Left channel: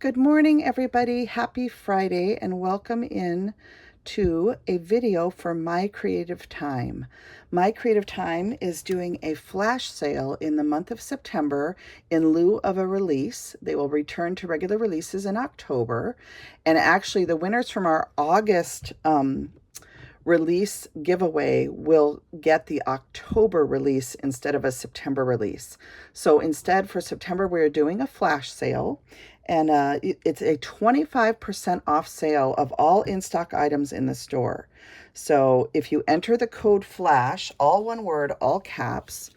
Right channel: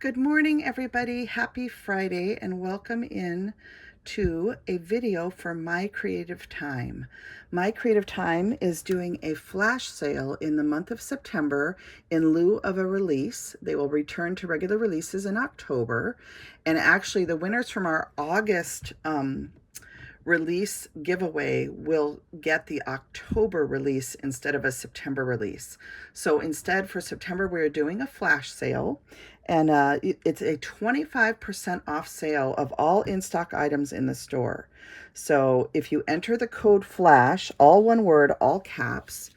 Good morning, everybody. Happy Friday, and welcome in to a video for My Creative Time. My Creative Time is doing a flash sale in the month of September in lieu of a release. They will return to regular releases in October. And actually, the winners from our August release giveaway will get the October release instead of a September release. So instead, for September, we're doing a flash sale, and it's a 25% off sale of all in-stock items in the store. So if you enter the code FLASH, all one word, all caps,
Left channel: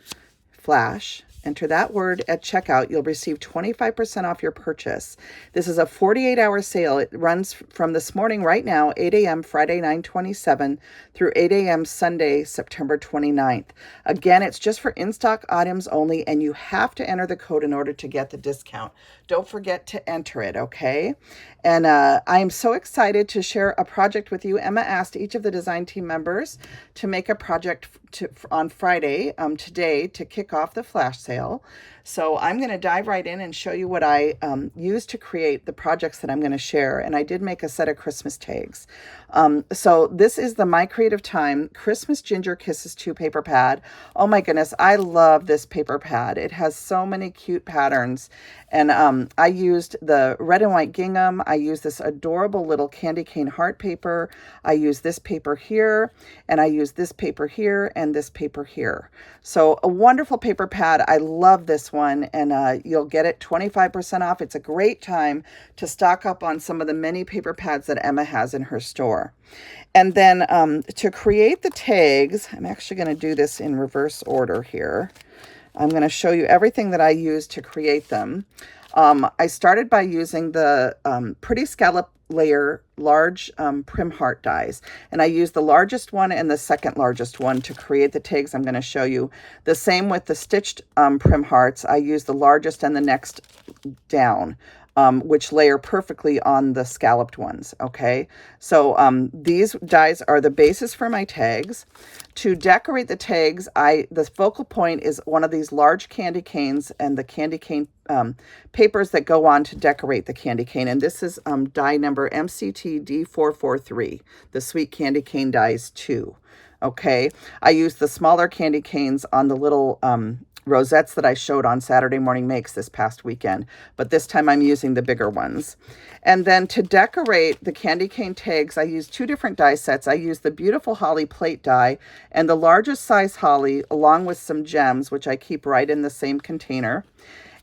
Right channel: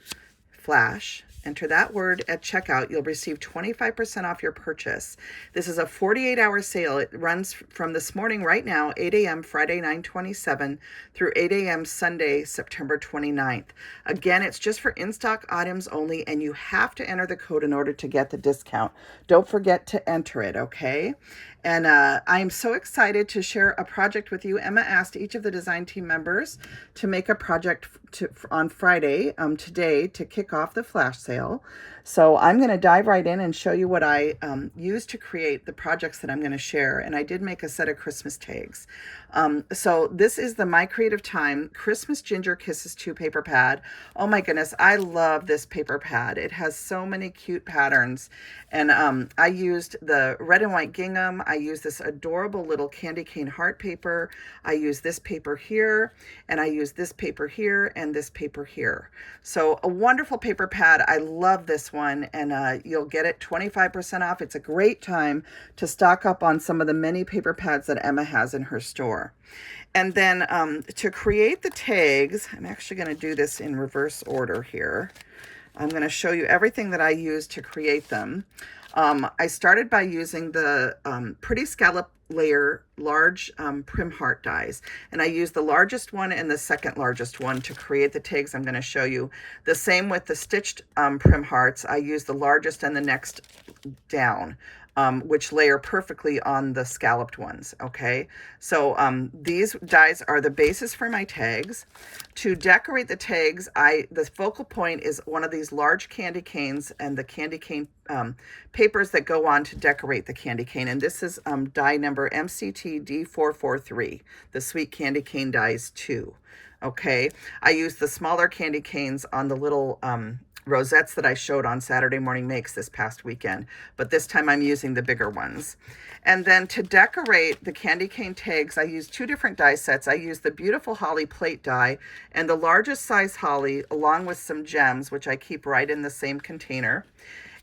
FLASH, enter that word at checkout, you'll receive 25% off your purchase. This is a 48-hour sale. It runs from this morning right now, 8 a.m. Friday 9/27 through 8 a.m. Sunday September 29th. Again, it's just for in-stock items only, and you have to enter the code in order to get the discount. Don't forget to enter it, okay? And I am so excited to share a project with you. Emma asked each of the design team members to make a project on Friday, today, to kick off the flash sale. So I'm going to dive right in and show you what I used to create the projects that I'm going to share. And I did make a set of Christmas tags. So this is the My Creative Time Christmas Ginger Kisses 2 paper pad. Oh my goodness, I love this paper pad. It has so many cute patterns. And I used the red and white gingham. I used this adorable little candy cane heart paper. I used this paper here, and I used this paper here, and this paper here. So a wonderful paper pad. I love this one, and you'll get it 25% off. It's a great time to stock up on some of the many paper pads that Emma has in her store. And then to create the tags, I'm actually going to do this in reverse order here. I'm going to show you everything that I used to create them. I started by using the Pretty Scallop Layer large prim heart dies, and I used the largest one and the second largest one to create the tags I'm going to show you. The same with the stitched prim hearts. I used the largest and the next down, which layer perfectly on the scalloped ones. Okay, so these dies are the basis for my tags. To decorate the tags, the focal point is one of these large candy canes and the candy cane papers that go on to decorate the candy cane. And this is die number MCTD443, the Sweet Candy Cane Dies 2. Okay, I used the smaller candy canes on the little rosettes that I showed on Saturday Morning Makes this past weekend, but this time I'm using the bigger ones. And then to decorate the candy cane tags, I used two different die sets. I used the beautiful holly plate die and the largest size holly, along with some gems, which I keep right in the same container.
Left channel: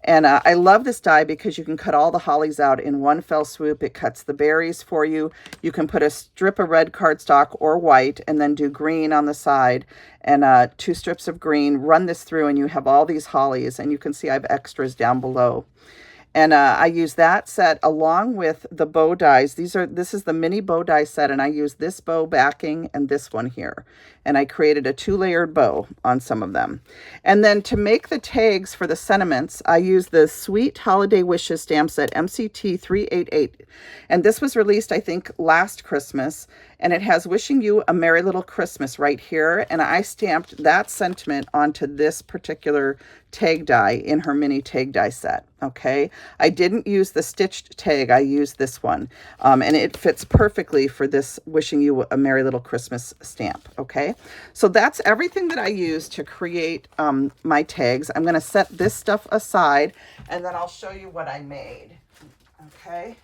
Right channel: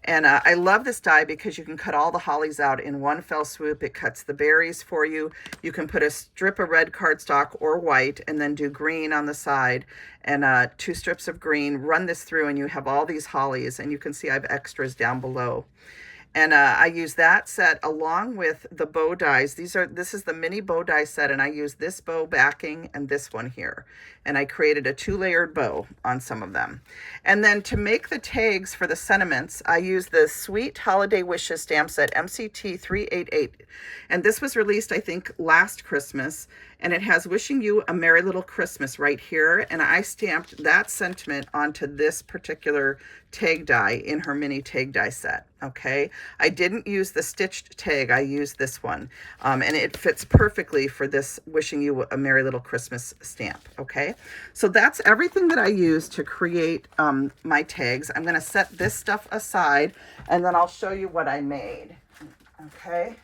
And I love this die because you can cut all the hollies out in one fell swoop. It cuts the berries for you. You can put a strip of red cardstock or white and then do green on the side and 2 strips of green. Run this through and you have all these hollies, and you can see I have extras down below. And I use that set along with the bow dies. This is the mini bow die set, and I use this bow backing and this one here. And I created a 2-layered bow on some of them. And then to make the tags for the sentiments, I use the Sweet Holiday Wishes stamp set MCT388. And this was released, I think, last Christmas. And it has Wishing You a Merry Little Christmas right here. And I stamped that sentiment onto this particular tag die in her mini tag die set. Okay, I didn't use the stitched tag. I used this one, and it fits perfectly for this Wishing You a Merry Little Christmas stamp. Okay, so that's everything that I used to create my tags. I'm going to set this stuff aside, and then I'll show you what I made. Okay,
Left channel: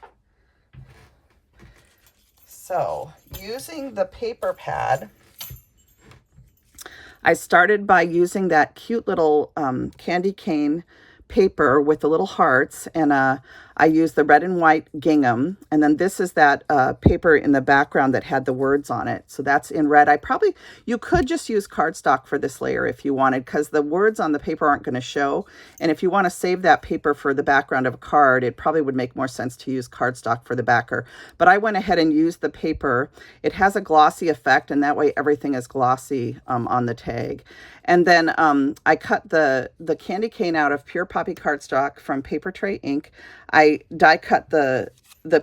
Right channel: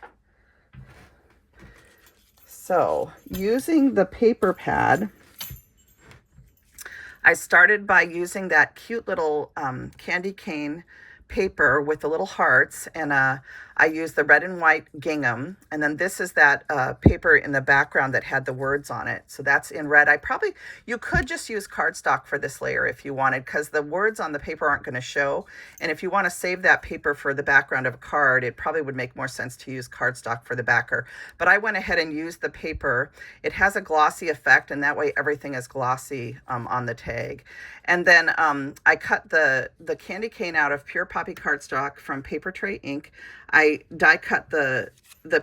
so using the paper pad, I started by using that cute little candy cane paper with the little hearts, and I used the red and white gingham, and then this is that paper in the background that had the words on it, so that's in red. You could just use cardstock for this layer if you wanted, because the words on the paper aren't going to show, and if you want to save that paper for the background of a card, it probably would make more sense to use cardstock for the backer. But I went ahead and used the paper. It has a glossy effect, and that way everything is glossy on the tag. And then I cut the candy cane out of pure poppy cardstock from Paper Tray Ink. I die cut the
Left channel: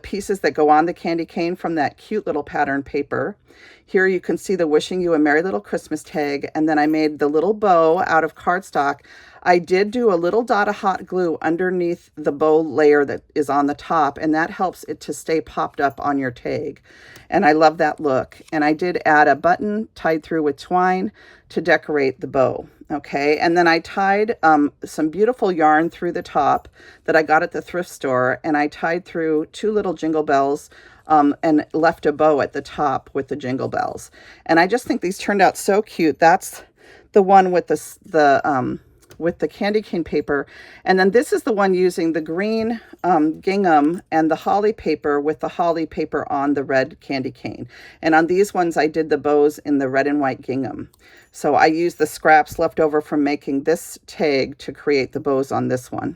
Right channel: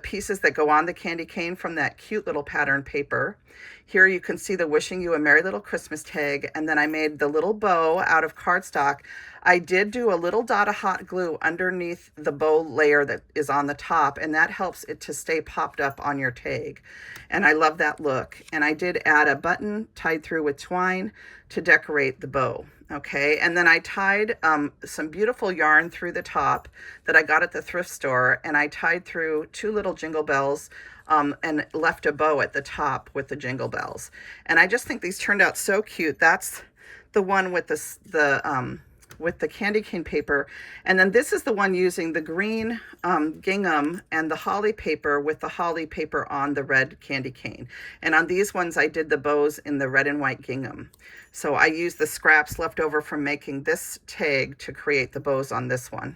pieces that go on the candy cane from that cute little pattern paper. Here you can see the Wishing You a Merry Little Christmas tag, and then I made the little bow out of cardstock. I did do a little dot of hot glue underneath the bow layer that is on the top, and that helps it to stay popped up on your tag. And I love that look. And I did add a button tied through with twine to decorate the bow. Okay, and then I tied some beautiful yarn through the top that I got at the thrift store, and I tied through 2 little jingle bells and left a bow at the top with the jingle bells. And I just think these turned out so cute. That's the one with the candy cane paper, and then this is the one using the green gingham and the holly paper with the holly paper on the red candy cane. And on these ones I did the bows in the red and white gingham. So I used the scraps left over from making this tag to create the bows on this one.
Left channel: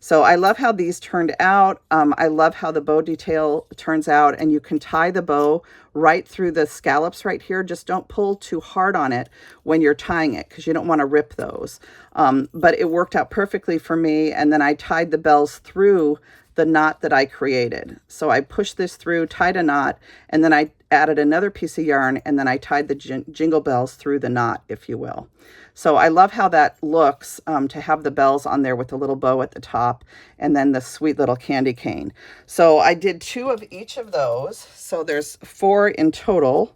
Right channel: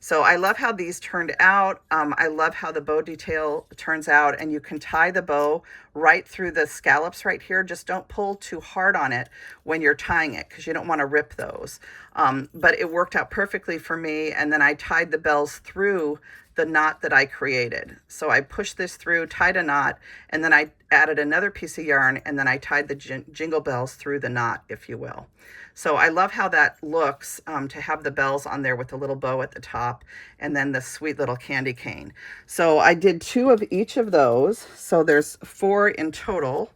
So I love how these turned out. I love how the bow detail turns out, and you can tie the bow right through the scallops right here. Just don't pull too hard on it when you're tying it, because you don't want to rip those. But it worked out perfectly for me, and then I tied the bells through the knot that I created. So I pushed this through, tied a knot, and then I added another piece of yarn, and then I tied the jingle bells through the knot, if you will. So I love how that looks, to have the bells on there with the little bow at the top and then the sweet little candy cane. So I did 2 of each of those. So there's 4 in total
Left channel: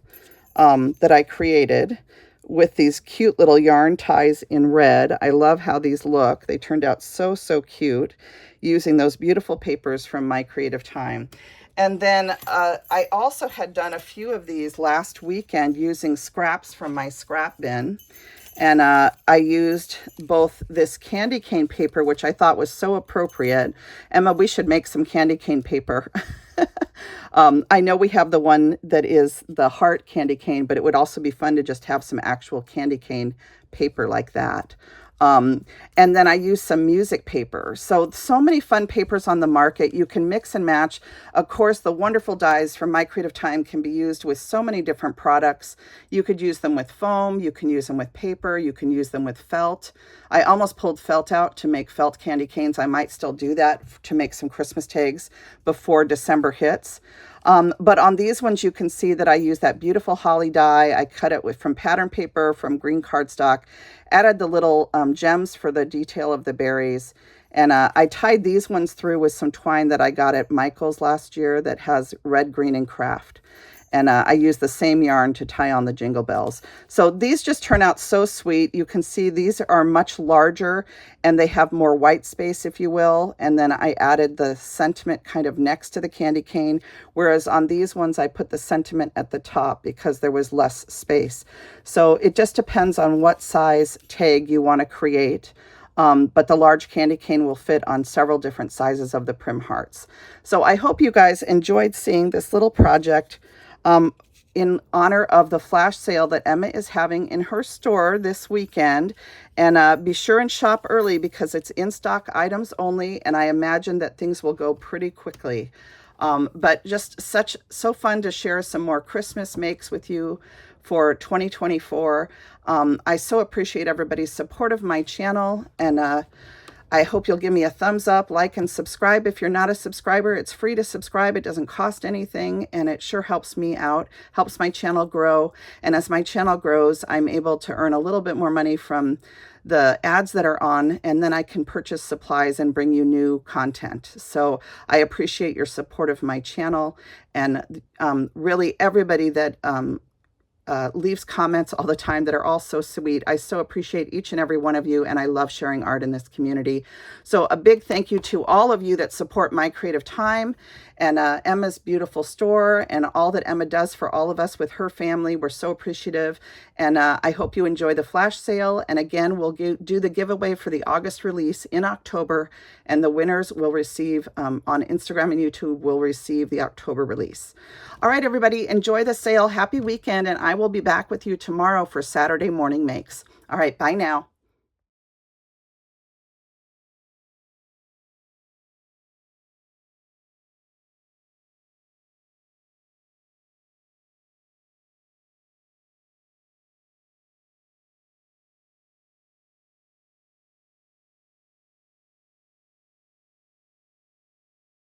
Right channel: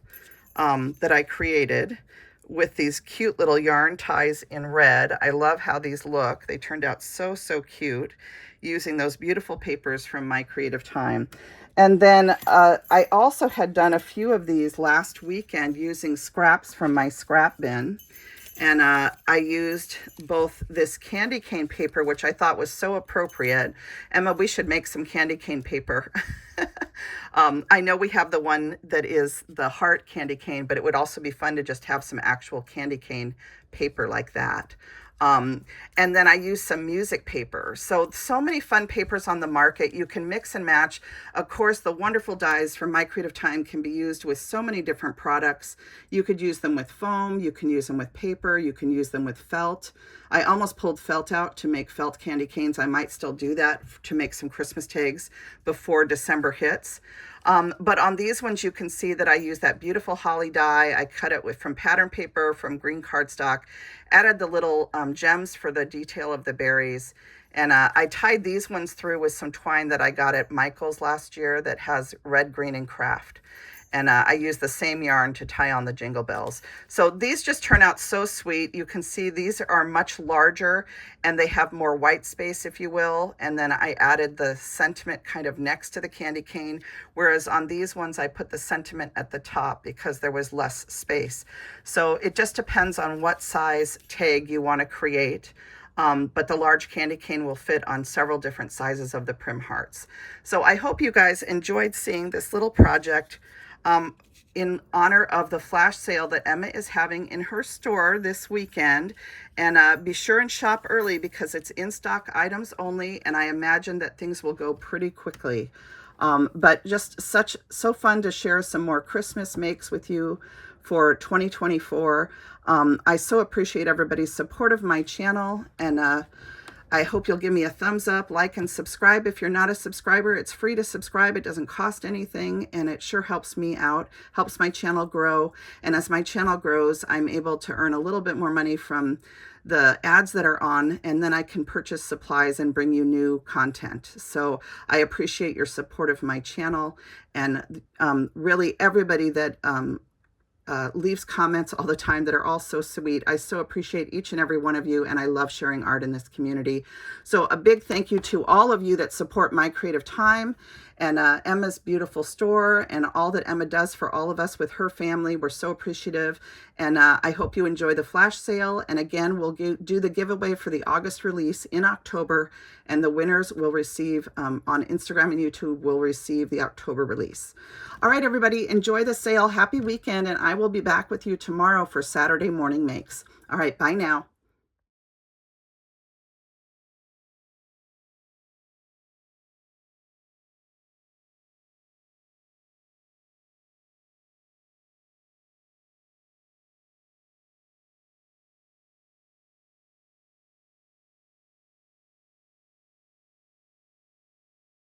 that I created with these cute little yarn ties in red. I love how these look. They turned out so, so cute using those beautiful papers from My Creative Time. And then I also had done a few of these last weekend using scraps from my scrap bin. And I used both this candy cane paper, which I thought was so appropriate. Emma, we should make some candy cane paper. I know we have the one that is the heart candy cane, but it would also be fun to just have some actual candy cane paper like that. And then I used some music paper. So many fun papers on the market. You can mix and match. Of course, the wonderful dies from My Creative Time can be used with so many different products. You could use them with foam. You can use them with paper. You can use them with felt. I almost pulled felt out to make felt candy canes. I might still do that to make some Christmas tags before December hits. But on these ones, you can see that I use that beautiful holly die. I cut it from pattern paper, from green cardstock, added the little gems for the detail of the berries. And I tied these ones through with some twine that I got at Michael's last year that has red, green, and craft. And I used the same yarn to tie on the jingle bells. So these just turn out so sweet. You can see these are much larger and they have more white space, if you will. And then I added the sentiment kind of next to the candy cane, whereas on these ones I put the sentiment at the top because there was less space. So it just depends on what size tag you want to create. But the large candy cane will fit on several different sizes of the Prim Hearts. So I hope you guys enjoyed seeing this little project in honor of the flash sale that Emma is having in her store this weekend. And be sure and shop early because it's in stock items only, and I imagine that things will go pretty quickly. But just so fun to share some more Christmas makes with you for 2024. I so appreciate everybody's support of my channel, and I hope you'll give me a thumbs up, like, and subscribe. If you're not a subscriber, it's free to subscribe. It doesn't cost anything, and it sure helps me out, helps my channel grow. And as my channel grows, I'm able to earn a little bit more money from the ads that are on, and then I can purchase supplies and bring you new content. So I appreciate your support of my channel, and really everybody that leaves comments all the time that are all so sweet. I so appreciate each and every one of you, and I love sharing art in this community. So a big thank you to all of you that support My Creative Time and Emma's beautiful store and all that Emma does for all of us with her family. We're so appreciative, and I hope you enjoy the flash sale. And again, we'll do the giveaway for the August release in October, and the winners will receive on Instagram and YouTube will receive the October release. All right, everybody, enjoy the sale. Happy weekend, and I will be back with you tomorrow for Saturday morning makes. All right, bye now.